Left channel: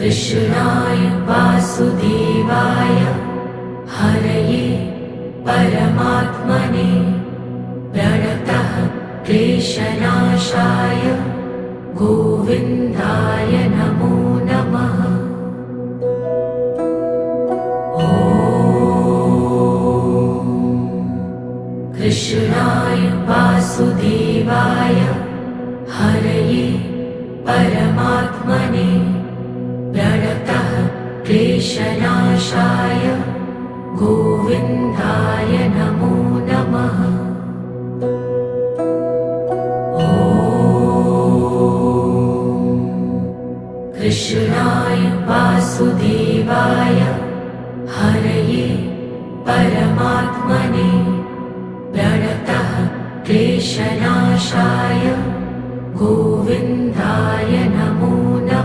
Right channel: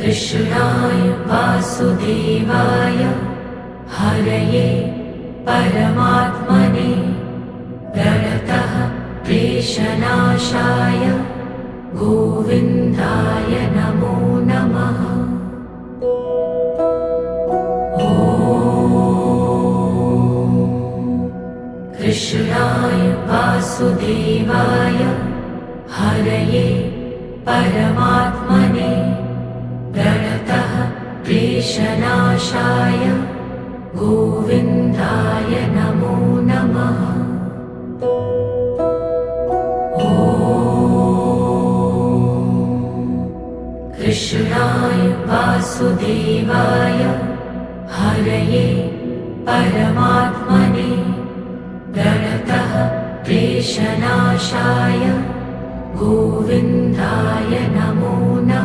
कृष्णाय वासुदेवाय हरये परमात्मने प्रणतः क्लेशनाशाय गोविन्दाय नमो नमः। कृष्णाय वासुदेवाय हरये परमात्मने प्रणतः क्लेशनाशाय गोविन्दाय नमो नमः। कृष्णाय वासुदेवाय हरये परमात्मने प्रणतः क्लेशनाशाय गोविन्दाय नमो नमः।